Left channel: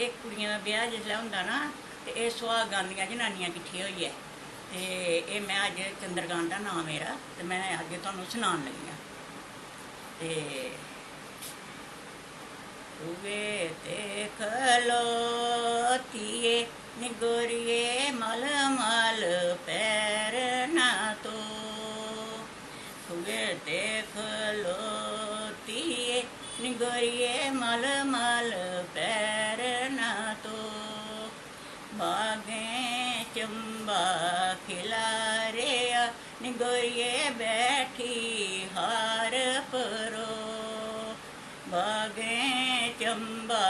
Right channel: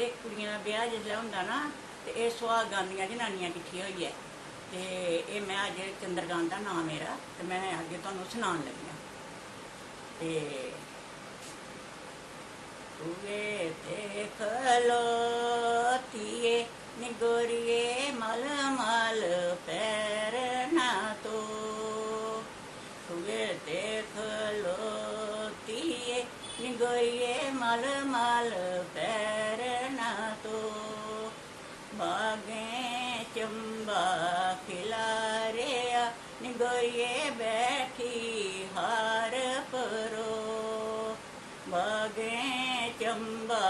ਇਹ ਕੁੜੀਆਂ ਦਾ ਵਿਆਹ ਜਿਸਲੇ ਹੁੰਦਾ ਨਾ ਤੇ ਇਹ ਸੁਹਾਗ ਗਾਉਂਦੀਆਂ ਜਨਾਨੀਆਂ ਇਕੱਠੀਆਂ ਹੋਈਆਂ ਤੇ ਇਹ ਮੈਂ ਅੱਜ ਚੰਦਰਗਾਨ ਦਾ ਨਾਮ ਮੇਰਾ ਤੇ ਮੈਂ ਅੱਜ ਤੁਹਾਨੂੰ ਸੁਣਾਉਣ ਲੱਗੀ ਹਾਂ। ਤੇ ਤੂਵੇ ਦੇਖ ਲੋ ਧੀਏ ਨੀ ਗੋਰੀਏ ਮਲ ਮਲ ਪੈਰ ਨਾ ਤੋ ਤੂਵੇ ਦੇਖ ਲੋ ਧੀਏ ਨੀ ਗੋਰੀਏ ਮਲ ਮਲ ਪੈਰ ਨਾ ਤੋ बागे चंबा खिलारिया नी गोरिये बैठी हार परो बागे चंबा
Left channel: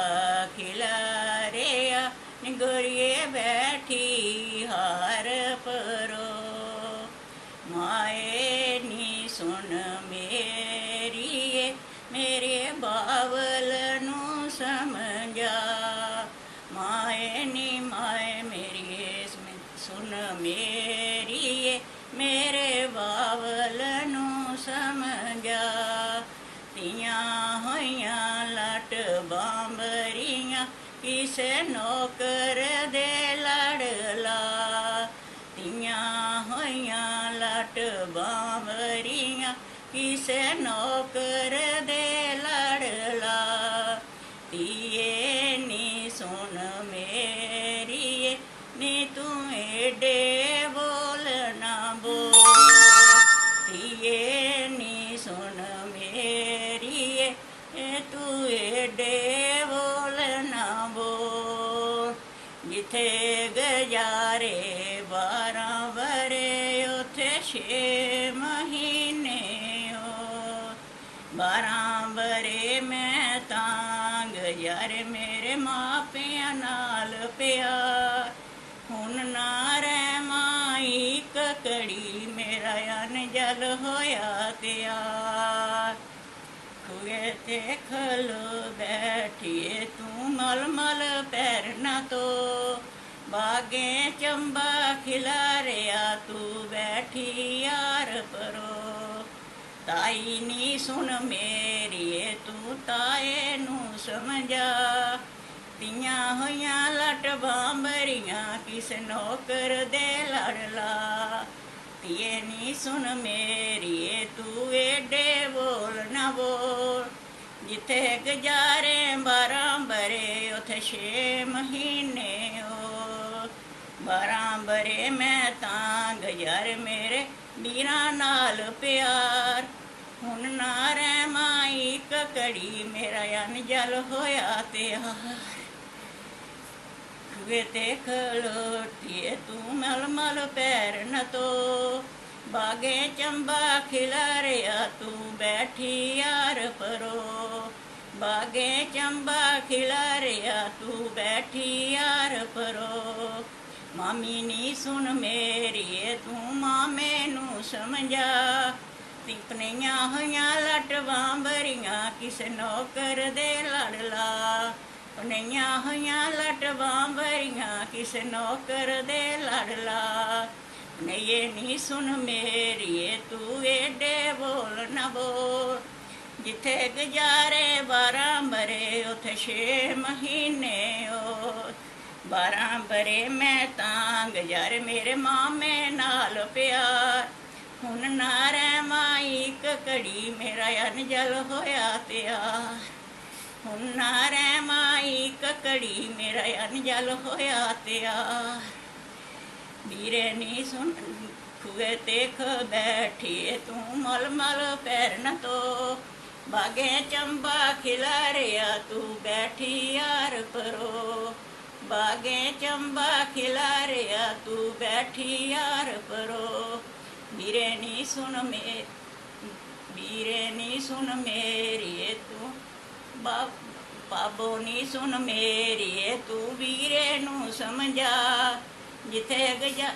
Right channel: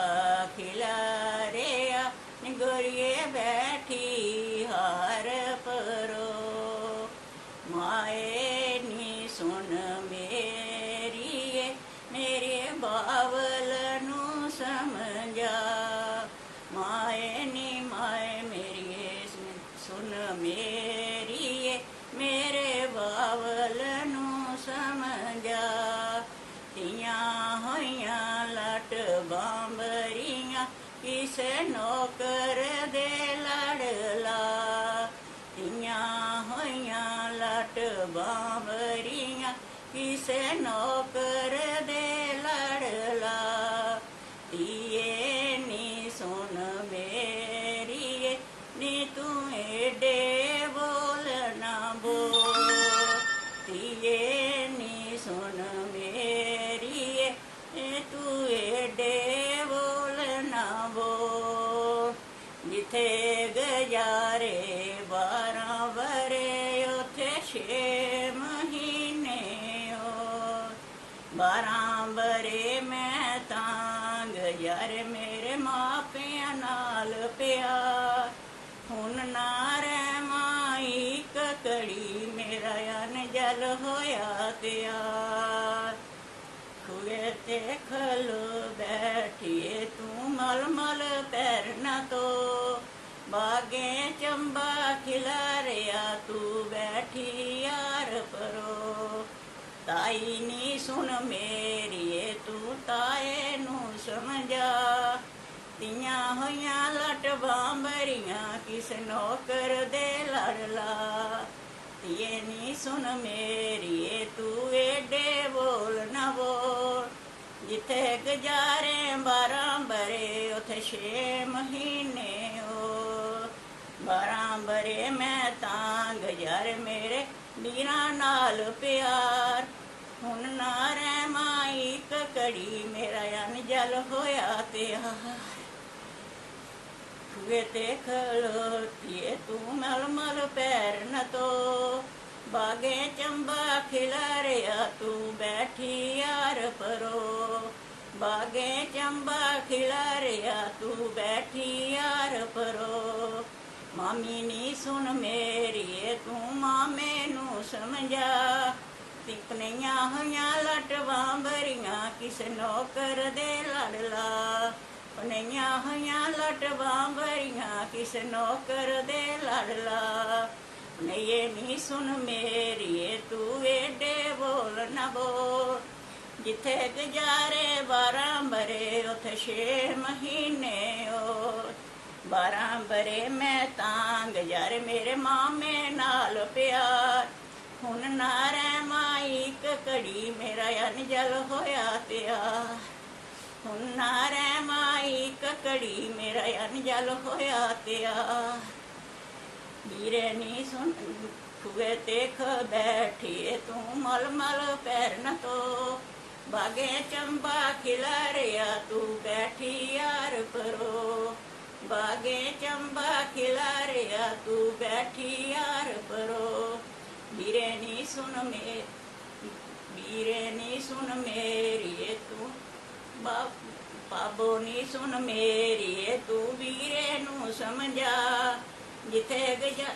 खिलारिया नी गोरिये बैठी हार परो माए नी सुन मेरी मेरे बावल नू समझा माए नी माए मेरी सुन मेरी मेरे बावल नू समझा तियां होइयां लट बांबरियां किसे नौकर दे लड़ला तियां होइयां लट बांबरियां किसे नौकर दे लड़ला तिये नी सुन मेरी नी तू एडे बोल ना बोल तिये नी सुन मेरी तू एडे बोल ना बोल जिथे गुजारे 12 बरे उथे 6 महीने 12 बरे मैं तांग यार मेरे मापिया नाल प्यार हुन ना रह माई ककड़ी मेरा अन जल होया त्यार खुए ते खलो बैठिए तू मल मल पैर न तो बागे चंबा खिलारिया तू बैठी यार परो ताई नी सुन मेरी तू ताए नू समझा तियां होइयां लट बांबरियां किस नौकर दे लड़ला तिये नी सुन मेरी तू एडे बोल ना बोल जिथे गुजारे 12 बरे उथे 6 महीने 12 बरे मैं तांग यार मेरे वीरा नाल प्यार हुन ना रह माई ककड़ी मेरा अन जल होया त्यार खुए ते खलोटिए तू मल मल पैर न तो बागे चंबा खिलारिया तू बैठी यार परो बागे चंबा खिलारिया तू बैठी यार परो मामी नी सुन मेरी तू मामे नू समझा तिपनियां होइयां लट बांबरियां किस नौकर दे लड़ला पनियां होइयां लट बांबरियां किस नौकर दे लड़ला पनिये नी सुन मेरी तू एडे बोल न बोल जिथे गुजारे 12 बरे उथे 6 महीने 12 बरे मैं तांग यार मेरे मामे नाल प्यार हुन ना रह माई ककड़ी मेरा अन जल होया त्यार हुन ना रह माई ककड़ी मेरा अन जल होया त्यार वीरे नी सुन खुए ते ख बैठिए तू मल मल पैर न तो बागे चंबा खिलारिया तू बैठी यार परो बागे चंबा खिलारिया तू बैठी यार परो वीरे नी सुन मेरी तू बाबो नी सुन मेरी तू वीरे नू समझा जिथे गजा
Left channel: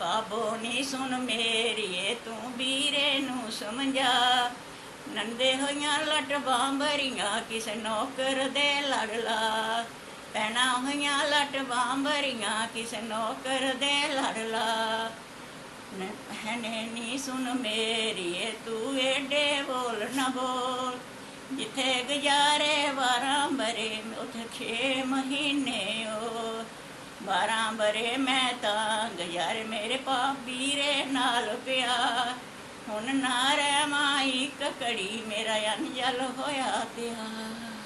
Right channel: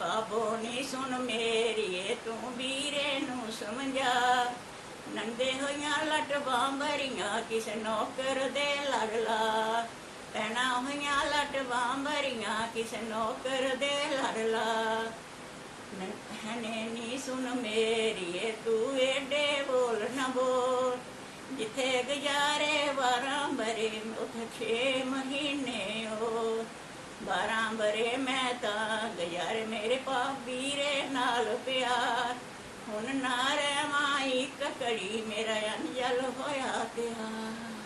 बाबो नी सुन मेरी तू वीरे नू समझा नंदे होइयां लट बांबरियां किसे नौकर दे लड़ला पैना होइयां लट बांबरियां किसे नौकर दे लड़ला हने नी सुन मेरी तू एडे बोल न बोल जिथे गुजारे 12 बरे उथे 6 महीने ओ 12 बरे मैं तां गुजारे मेरे भाभी रे नाल प्यार हुण ना रह मां इक घड़ी मेरा अंजल होया त्यार।